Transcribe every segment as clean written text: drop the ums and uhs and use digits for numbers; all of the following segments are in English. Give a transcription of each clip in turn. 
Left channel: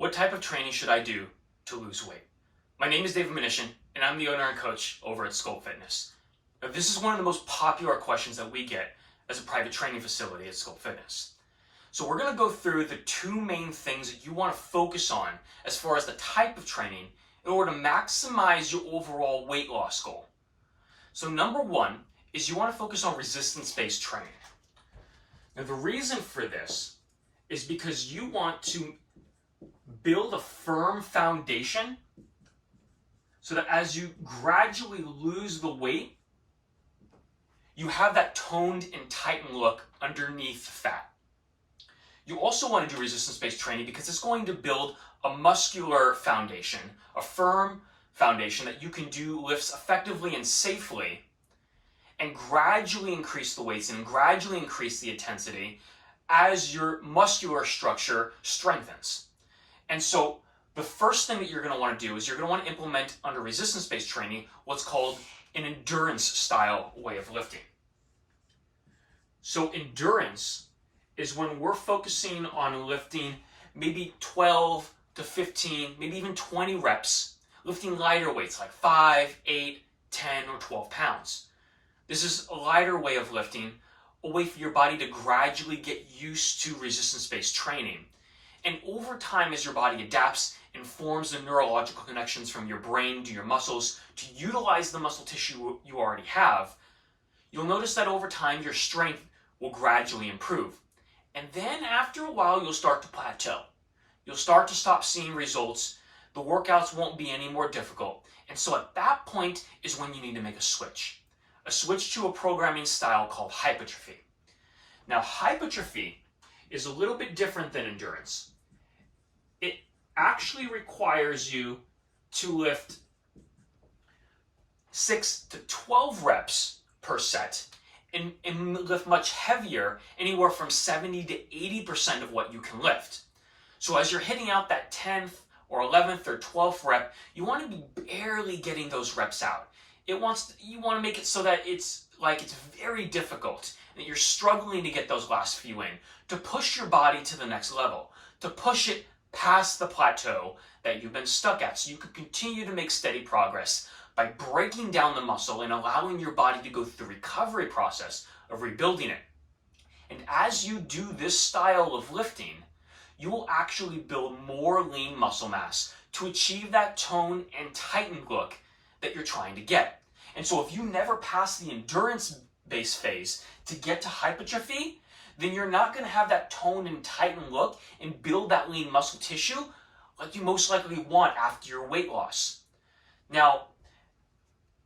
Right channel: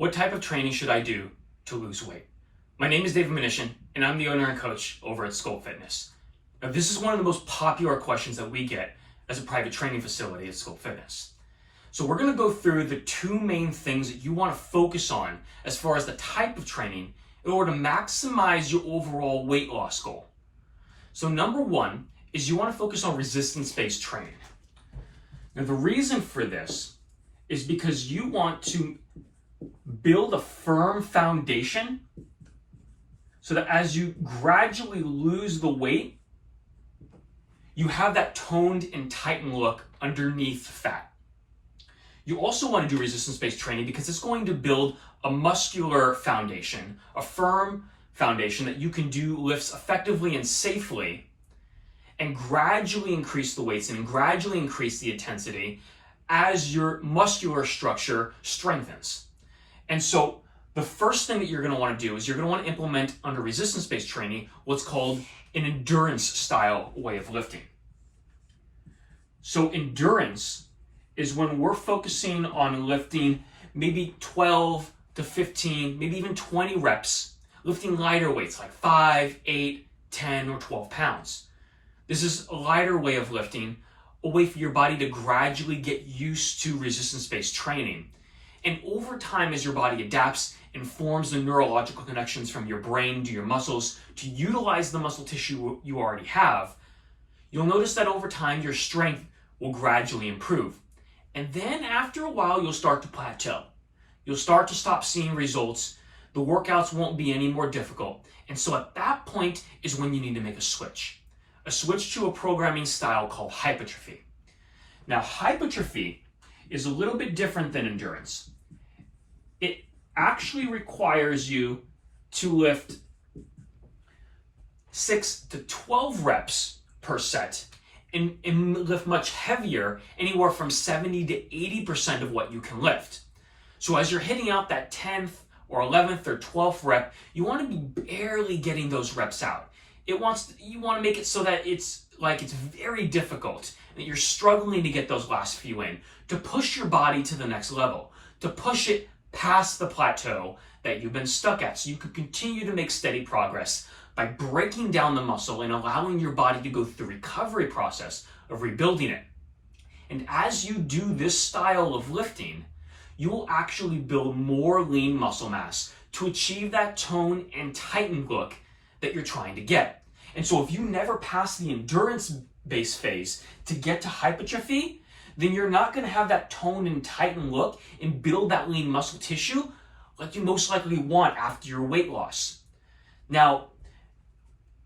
What type of training should I do to lose weight? My name is David Minishian, and I'm the owner and coach over at Sculpt Fitness. Now, this is one of the most popular questions that we get as a private training facility at Sculpt Fitness. So we're going to go through the two main things that you want to focus on as far as the type of training in order to maximize your overall weight loss goal. So number one is you want to focus on resistance-based training. Now, the reason for this is because you want to build a firm foundation so that as you gradually lose the weight, you have that toned and tightened look underneath fat. You also want to do resistance-based training because it's going to build a muscular foundation, a firm foundation that you can do lifts effectively and safely and gradually increase the weights and gradually increase the intensity as your muscular structure strengthens. And so the first thing that you're going to want to do is you're going to want to implement under resistance-based training what's called an endurance style way of lifting. So endurance is when we're focusing on lifting maybe 12 to 15, maybe even 20 reps, lifting lighter weights like 5, 8, 10, or 12 pounds. This is a lighter way of lifting, a way for your body to gradually get used to resistance-based training. And over time, as your body adapts and forms the neurological connections from your brain to your muscles to utilize the muscle tissue you already have, you'll notice that over time, your strength will gradually improve. And then after a while, you'll start to plateau. You'll start to stop seeing results. The workouts won't be any more difficult. And so at that point is when you need to make a switch to a programming style called hypertrophy. Now, hypertrophy is a little bit different than endurance. It actually requires you to lift 6 to 12 reps per set and lift much heavier, anywhere from 70 to 80% of what you can lift. So as you're hitting out that 10th or 11th or 12th rep, you want to be barely getting those reps out. You want to make it so that it's very difficult, that you're struggling to get those last few in, to push your body to the next level, to push it past the plateau that you've been stuck at, so you can continue to make steady progress by breaking down the muscle and allowing your body to go through the recovery process of rebuilding it. And as you do this style of lifting, you will actually build more lean muscle mass to achieve that tone and tightened look that you're trying to get. And so if you never pass the endurance-based phase to get to hypertrophy, then you're not going to have that tone and tightened look and build that lean muscle tissue like you most likely want after your weight loss. Now,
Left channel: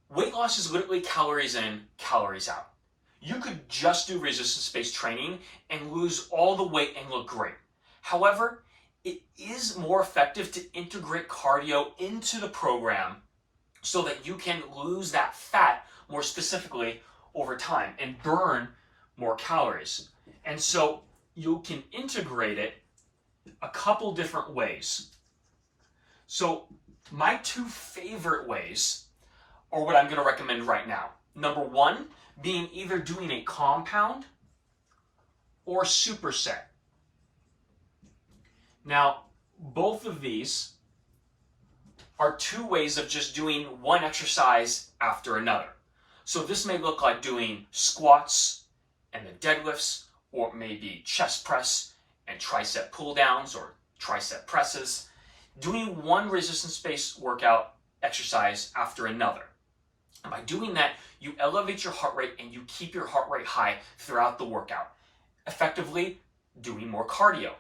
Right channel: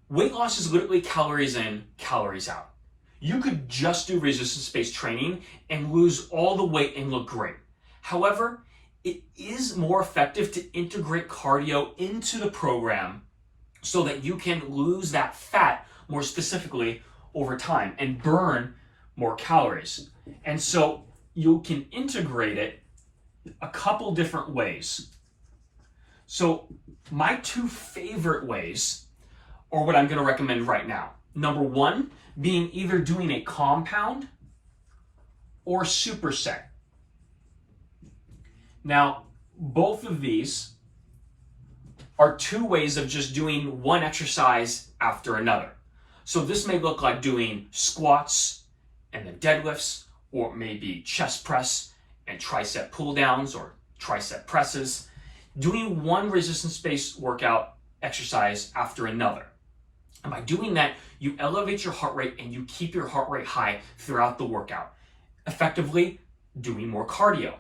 weight loss is literally calories in, calories out. You could just do resistance-based training and lose all the weight and look great. However, it is more effective to integrate cardio into the program so that you can lose that fat more specifically over time and burn more calories. And so you can integrate it a couple different ways. So my two favorite ways are what I'm going to recommend right now. Number one, being either doing a compound or superset. Now, both of these are two ways of just doing one exercise after another. So this may look like doing squats and then deadlifts, or maybe chest press and tricep pull downs or tricep presses, doing one resistance-based workout exercise after another. And by doing that, you elevate your heart rate and you keep your heart rate high throughout the workout, effectively doing more cardio.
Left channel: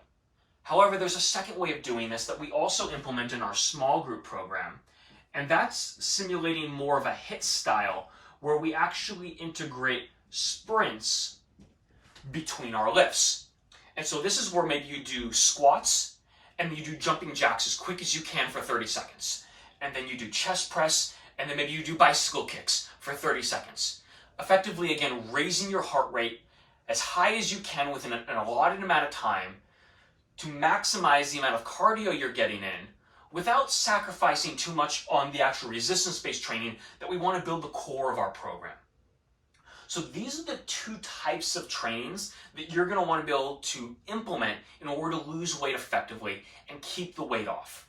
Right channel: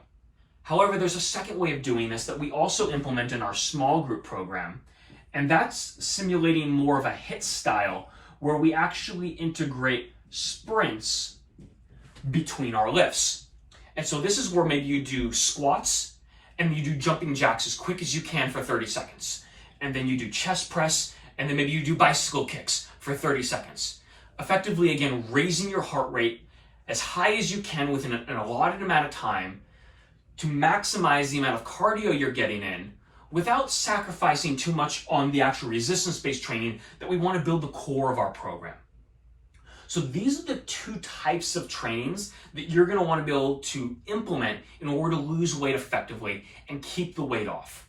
However, there's a second way of doing this that we also implement in our small group program, and that's simulating more of a HIIT style where we actually integrate sprints between our lifts. And so this is where maybe you do squats and you do jumping jacks as quick as you can for 30 seconds. And then you do chest press, and then maybe you do bicycle kicks for 30 seconds. Effectively, again, raising your heart rate as high as you can within an allotted amount of time to maximize the amount of cardio you're getting in without sacrificing too much on the actual resistance-based training that we want to build the core of our program. So these are the two types of trainings that you're going to want to be able to implement in order to lose weight effectively and keep the weight off.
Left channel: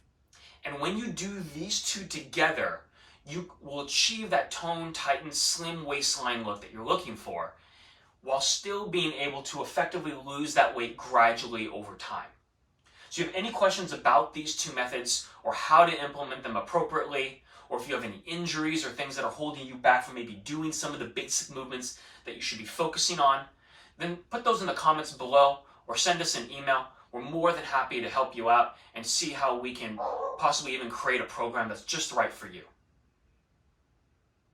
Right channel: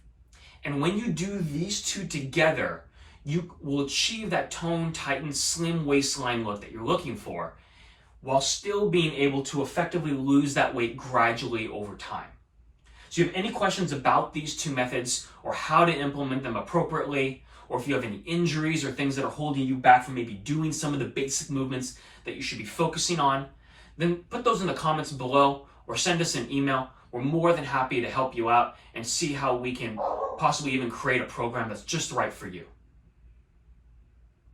And when you do these two together, you will achieve that toned, tightened, slim waistline look that you're looking for, while still being able to effectively lose that weight gradually over time. So if you have any questions about these two methods or how to implement them appropriately, or if you have any injuries or things that are holding you back from maybe doing some of the basic movements that you should be focusing on, then put those in the comments below or send us an email. We're more than happy to help you out and see how we can possibly even create a program that's just right for you.